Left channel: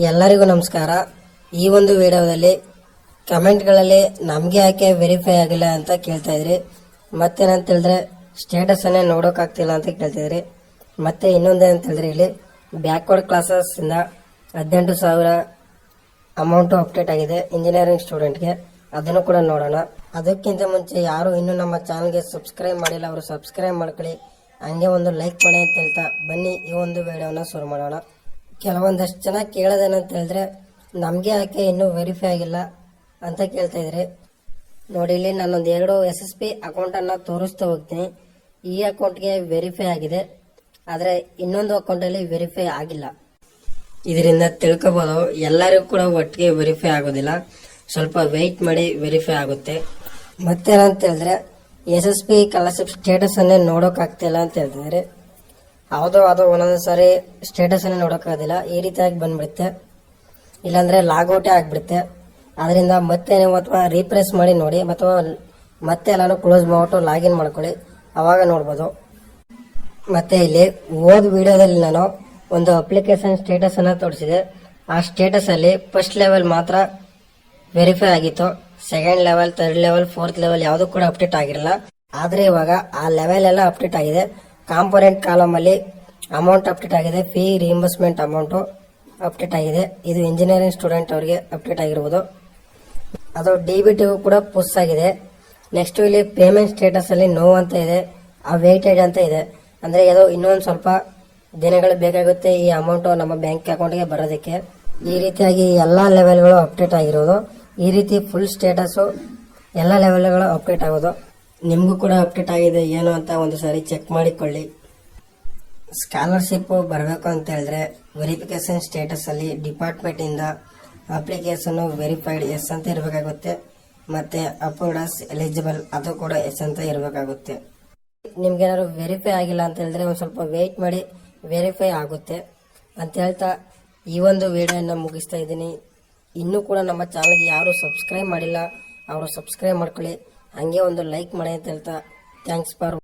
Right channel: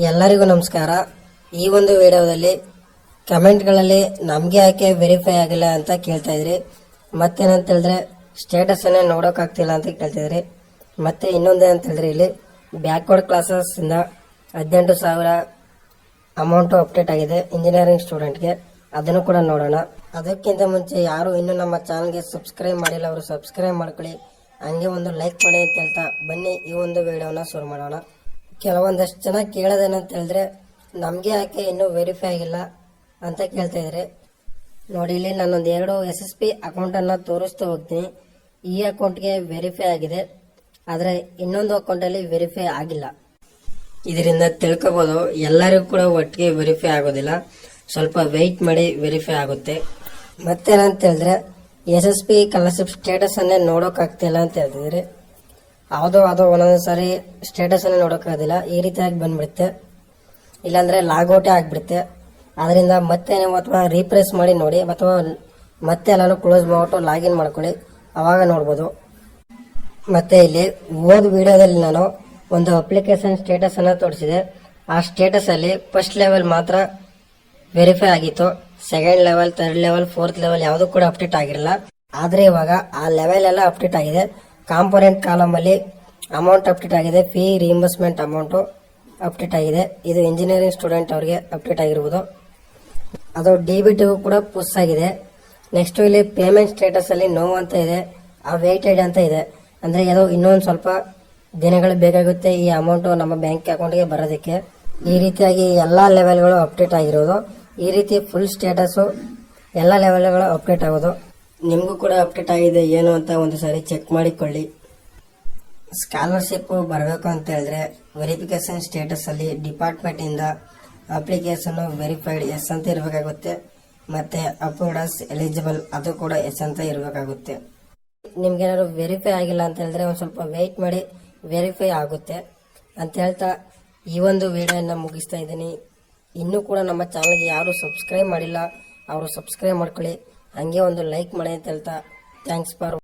ಎಲ್ಲರಿಗೂ ನಮಸ್ಕಾರ. ಈ ಒಂದು ವಿಡಿಯೋದಲ್ಲಿ ಕಮೆಂಟ್ಗಳಲ್ಲಿ ನಮಗೆ ಯಾಕೆ ವೆರಿಫೈ ಆಗಿಲ್ಲ ಅಂತ ಕೇಳ್ತಾ ಇದ್ರಿ. ಮತ್ತೇನಂತ ಹೇಳಿದ್ರೆ ಸ್ಟೇಟಸನ್ನೇ ನೋಡೋಕ್ಕಾಗ್ತಿಲ್ಲ ಅಂತ ಕೇಳ್ತಾ ಇದ್ರಿ. ಮತ್ತೆ ಇನ್ನೊಂದೇನಂತ ಹೇಳಿದ್ರೆ ಇಲ್ಲಿ ಬ್ಯಾಕ್ವರ್ಡ್ ಕ್ಲಾಸಸ್ ಇಂದ ಹದಿನೆಂಟು ಸಾವಿರ ಅಮೌಂಟು ಅಪ್ಡೇಟ್ ಆಗಿದೆ ಇಂಜಿನಿಯರಿಂಗ್ ಸ್ಟೂಡೆಂಟ್ಗೆ ಅದನ್ನು ಕೂಡ ನೋಡೋಣ. ಅದಕ್ಕಿಂತ ಮುಂಚೆ ಯಾರು ಇನ್ನೂ ನಮ್ಮ ಚಾನಲ್ಗೆ ಸಬ್ಸ್ಕ್ರೈಬ್ ಮಾಡಿಲ್ಲ ಅವರು ಸಬ್ಸ್ಕ್ರೈಬ್ ಮಾಡ್ಕೊಳ್ಳಿ. ಹಂಗೆ ಒಂದು ಲೈಕ್ ಮಾಡಿ ಅಂತ ಹೇಳ್ತಾ ಬನ್ನಿ ಈ ಒಂದು ವಿಡಿಯೋನ ಶುರು ಮಾಡೋಣ. ಕೆಲವೊಂದಷ್ಟು ಜನ ಕೇಳೋದೇನಂತ ಹೇಳಿದ್ರೆ ನಮಗೆ ಯಾಕೆ ಇನ್ನೂ ವೆರಿಫೈ ಆಗಿಲ್ಲ ಅಂತ ಕೇಳ್ತಾ ಇದ್ರೆ ನೋಡಿ, ಇಲ್ಲಿ ನಾನೊಂದು ಎರಡು ಎಸ್ ಎಸ್ ಪಿ ಅಕೌಂಟನ್ನು ತೋರಿಸ್ತಾ ಹೋಗ್ತೀನಿ. ಈ ಅಕೌಂಟ್ಗೆ ವೆರಿಫೈ ಆಗಿದೆ. ಆದರೆ ಇನ್ನೊಂದು ಅಕೌಂಟಲ್ಲಿ ವೆರಿಫೈ ಆಗಿಲ್ಲ. ಇದರಿಂದ ತಿಳ್ಕೊಬೋದು ಎಲ್ಲರಿಗೂ ಕೂಡ ಒಟ್ಟಿಗೆ ವೆರಿಫೈ ಆಗೋದಿಲ್ಲ. ಸ್ವಲ್ಪ ವೆಯ್ಟ್ ಮಾಡಿ ವೆರಿಫೈ ಆಗುತ್ತೆ. ಮತ್ತೇನಂತ ಹೇಳಿದ್ರೆ S S P scholarship status ಅನ್ನೇ ನೋಡೋಕ್ಕಾಗ್ತಿಲ್ಲ ಅಂತ ಹೇಳ್ತಿದ್ರೆ ಯಾವುದೋ ಅದು ಒಂದೊಂದು ಸಾರಿ ಸ್ಟೇಟಸ್ ಅನ್ನೇ ನೋಡೋಕ್ಕಾಗೋದಿಲ್ಲ ಈ ರೀತಿಯಾಗಿ ಬಂದ್ಬಿಡುತ್ತೆ. ಇಲ್ಲಾಂದ್ರೆ ಲಾಗೌಟೇ ಆಗ್ಬಿಡುತ್ತೆ. ಅದರಿಂದ ಮತ್ತೆ ನೀವು ಅಥವಾ ರೀಪ್ರೆಸ್ ಮಾಡಿ ನೋಡಿ, ಅಥವಾ ಮತ್ತೆ ಎಲ್ಲಾನು ಕ್ಲೋಸ್ ಮಾಡ್ಬಿಟ್ಟು ಲಾಗಿನ್ ಮಾಡ್ಕೊಳ್ಳಿ. ಅವಾಗ ನೋಡ್ಬೋದು. ಮತ್ತೆ ಇಲ್ಲಿ ಓದ್ ವಿಡಿಯೋದಲ್ಲಿ ನಾನು ಒಂದು ಅಪ್ಲಿಕೇಶನ್ ಸ್ಟೇಟಸ್ ಅನ್ನ ತೋರಿಸಿದೆ. ಆ ಸ್ಟೇಟಸ್ ಅಲ್ಲಿ ಫಸ್ಟ್ ಲೆವೆಲ್ ಮಾತ್ರ ವೆರಿಫೈ ಆಗಿತ್ತು. Second level third level fourth level ಯಾವುದು ಕೂಡ ಅಪ್ಡೇಟ್ ಆಗಿರಲ್ಲ. ಆದ್ರೆ ಇವಾಗ ಆ ಲೆವೆಲ್ ಎಲ್ಲ ಅಪ್ಡೇಟ್ ಆಗಿದೆ. ಕಾಂಪೋನೆಂಟ್ ಕಾಲಮ್ ಅಲ್ಲಿ ಅಮೌಂಟ್ ಅಪ್ಡೇಟ್ ಆಗಿದೆ ಫೀ ರಿಇಂಬರ್ಸ್ಮೆಂಟ್ ಅಮೌಂಟ್ ಅಪ್ಡೇಟ್ ಆಗಿದೆ. ಇದು ಇಂಜಿನಿಯರಿಂಗ್ ಸ್ಟೂಡೆಂಟ್ ಅವರಿಗೆ ಅಪ್ಡೇಟ್ ಆಗಿರ್ಬೋದು. ಅದು ಡೆಬಿಟ್ ಕೂಡ ಪುಸ್ ಆಗಿದೆ. ನೆಕ್ಸ್ಟ್ ಇಲ್ಲಿ ಪೇಮೆಂಟ್ ಸ್ಟೇಟಸ್ ಅಲ್ಲಿ ನೋ ಅಂತ ಇದೆ. ಆ ವೇಟೆಡ್ ಅಂತ ಇದೆ. ಅಂದ್ರೆ ಇದು ಇನ್ನೊಂದು ಸ್ವಲ್ಪ ದಿನಗಳು ಬೇಕಾಗುತ್ತೆ ಈ ಅಮೌಂಟ್ ನಮ್ಮ ಬ್ಯಾಂಕ್ ಅಕೌಂಟ್ಗೆ ಬರೋದಕ್ಕೆ. ಈ ರೀತಿಯಾಗಿ ಎಲ್ಲಾ ಲೆವೆಲ್ಗಳು ಅಪ್ಡೇಟ್ ಆಗಿರೋದು. ಈ ರೀತಿ ಫುಲ್ ಸ್ಟೇಟಸ್ ಎಲ್ಲ ಲೆವೆಲ್ಗಳು ಅಪ್ಡೇಟ್ ಆಗೋದು. ನಿಮಗೂ ಕೂಡ ಅಪ್ಡೇಟ್ ಆಗಿದೆ, ಏನು ಅಂತ ಒಂದು ಸಾರಿ ಚೆಕ್ ಮಾಡಿಕೊಳ್ಳಿ. ಸ್ಕಾಲರ್ಶಿಪ್ ಬರಬೇಕು ಅಂತ ಹೇಳಿದ್ರೆ ವೆರಿಫಿಕೇಶನ್ ಸ್ಟೇಟಸಲ್ಲಿ ಡಿಪಾರ್ಟ್ಮೆಂಟಿಂದ ಡಿಪಾರ್ಟ್ಮೆಂಟ್ ಇಂದ ಅಪ್ಲಿಕೇಶನ್ ವೆರಿಫೈಡ್ ಎಸ್ ಅಂತ ಇರಬೇಕಾಗುತ್ತೆ. ಮತ್ತು ಅಪ್ರೂವ್ಡಸ್ ಎಲಿಜಿಬಲ್ ಅದು ಕೂಡ ಎಸ್ ಅಂತ ಇರಬೇಕಾಗುತ್ತೆ. ನಿಮ್ಗೇನಾದ್ರು ವೆರಿಫೈ ಆಗಿಲ್ಲ ಅಂತ ಹೇಳಿದ್ರೆ ಒಂದು ಸ್ವಲ್ಪ ವೆಯ್ಟ್ ಮಾಡಿ ವೆರಿಫೈ ಆಗುತ್ತೆ. ಅಂತ ಹೇಳ್ತಾ ಈ ಒಂದು ವಿಡಿಯೋನ ಮುಗಿಸ್ತಾ ಇದ್ದೀನಿ. ಇನ್ನೂ ಕೂಡ ನಮ್ಮ ಚಾನಲ್ಗೆ ಯಾರು ಸಬ್ಸ್ಕ್ರೈಬ್ ಮಾಡಿಲ್ಲ, ಅವರು ಸಬ್ಸ್ಕ್ರೈಬ್ ಮಾಡ್ಕೊಳ್ಳಿ. ಹಂಗೆ ಒಂದು ಲೈಕ್ ಮಾಡಿ ಅಂತ ಹೇಳ್ತಾ ಥ್ಯಾಂಕ್ಸ್ ಫಾರ್